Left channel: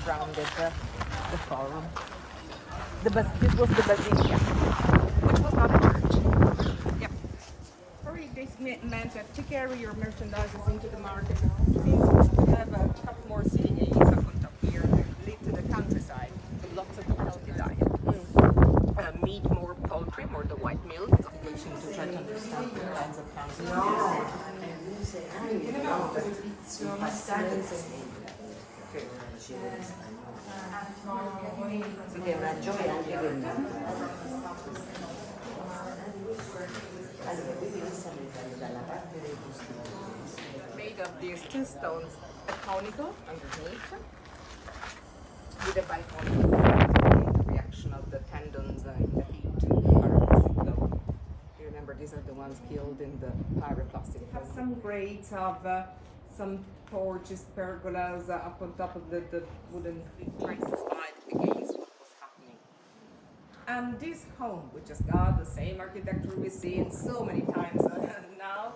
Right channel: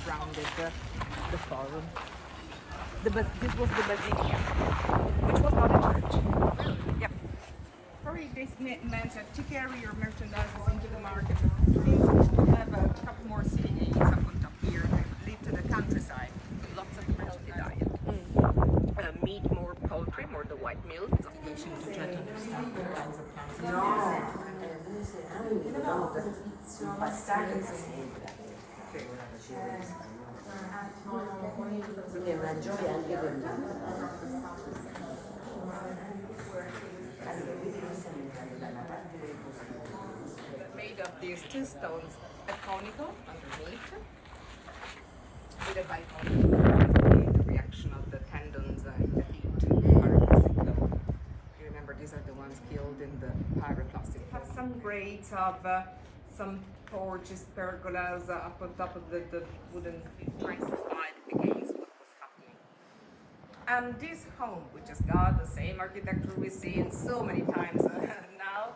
surrounded the forum. This was the basilica, which was not a church. Yep. Probably this meant that to carry your merchandise into the market. Since we have a couple more sitting areas up on top here, lead to the countryside with lots of healthy diet. Meat, more poultry, more the white milk. Investigation to try to understand the kinds of cancer. Made of these two stones, a conical underneath, with a biconical reaction of the tendons in the heat. You remember these are the ones killed in the pyroclastic. We have some grades of some torches, pergolas up on top of the wooden traces against what was happening. And this home, which has got the same architecture we see it so many times now,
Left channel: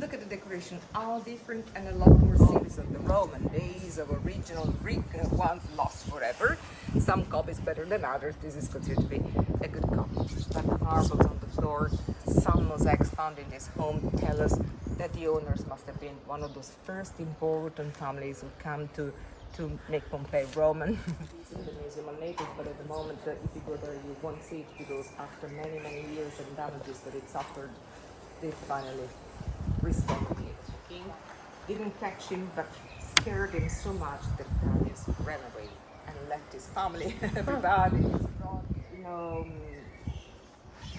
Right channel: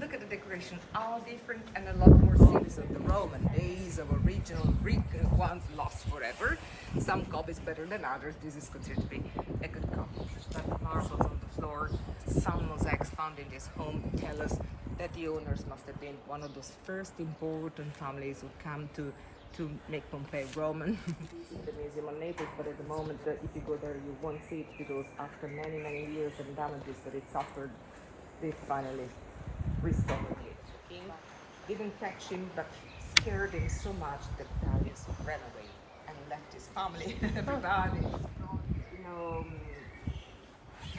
look at the decoration, all different and a lot more scenes of the Roman days of original Greek ones lost forever. Some copies better than others. This is considered to be a good copy. But the marbles on the floor, some mosaics found in this home tell us that the owners must have been one of those first important families who come to make Pompeii Roman. It's in the Museum of Naples, but at the moment, if you go there, you won't see it because after many, many years and damages that it's suffered, they finally restored it. He didn't catch him, but scared him so much that Vesuvius ran away and left his family. Everybody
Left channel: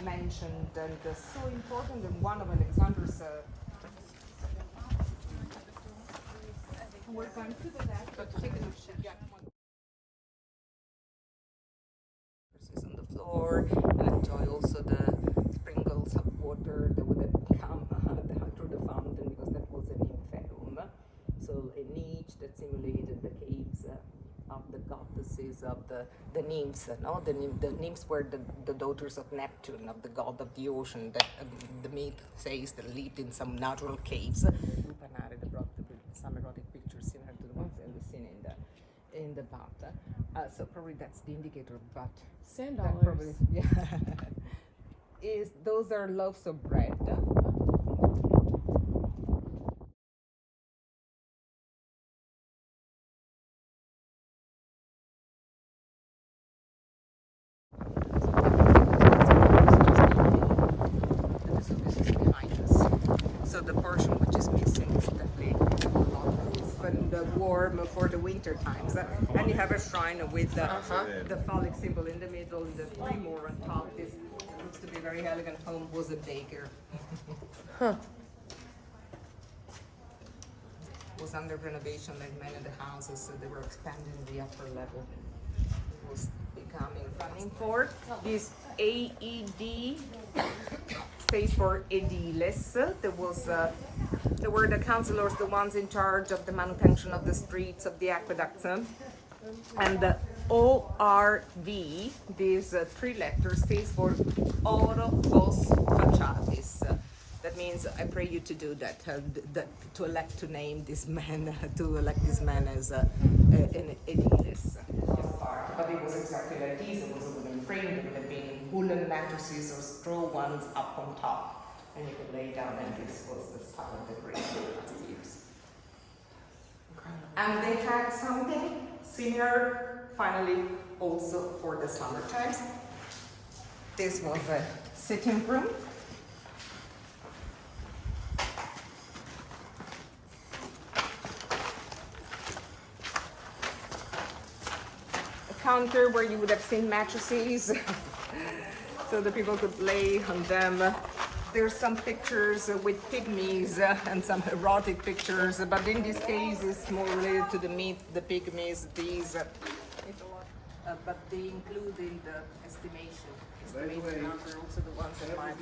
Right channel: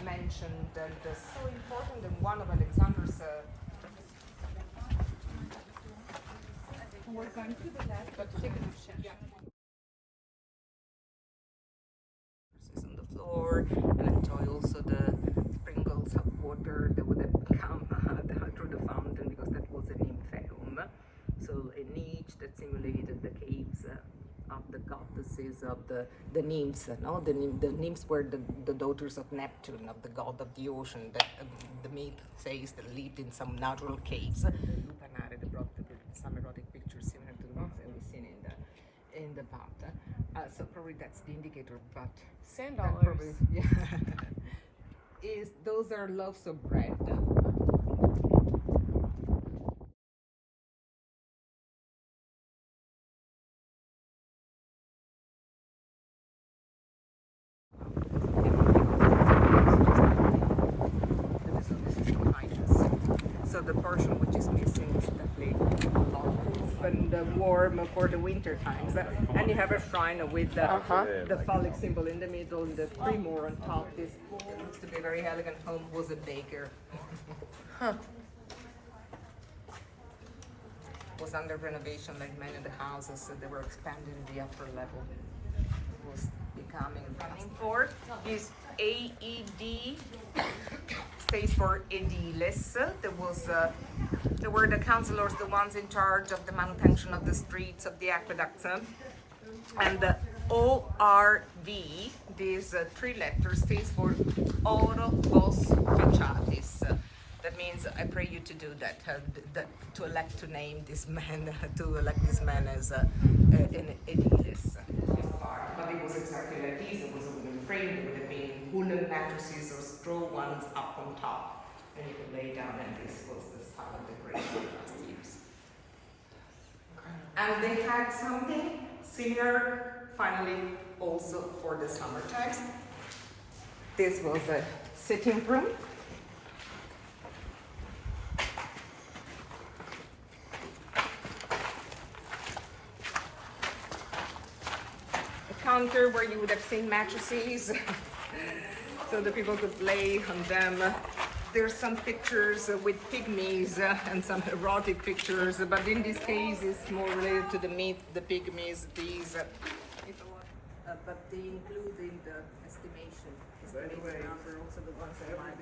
mentioned, and so important, and one of Alexander's. We're going to the left, but take a look. Yeah. On the floor, and enjoy also the sprinkles of water that would have come through the fountain, because that was a nymphaeum, so a niche that simulated the caves of the goddesses of the nymphs. No, the nymphs were the daughters of Neptune, of the god of the ocean. That the myth says that lived in some natural caves. They brought some erotic pictures similar to the ones that we've seen in the bath. So probably that's the indicator. But $10. Yeah. Those are loaves of bread. So the portion which is missing is definitely and warm for the winter times. And you have a shrine with the phallic symbol in the middle, and the three more on top. This looks to be a very elegant home. Was a baker. Was under renovation like many of the houses, so they were expanding the upper level. It was becoming for this AED stays for ediles. There were the councillors, the ones in charge of the manutention of the streets, of the aqueducts, and the ORV, these three letters, stays for Oro Vos Faciatis. That means I pray you to do that, to elect to name this man, to elect this man as an edilis. But it was exactly like this. It was framed with the being woolen mattresses or straw ones up on top. And you could lay down, and this was the style of the Greek last years. And they had something similar, finally, also for the summer times. This was a sitting room. Counter where you would have seen mattresses, so the people could lay on them. There's some pictures with pygmies and some erotic pictures, but in this case it's more related to the myth, the pygmies, these. But they include in the estimation, estimated number, also the ones that might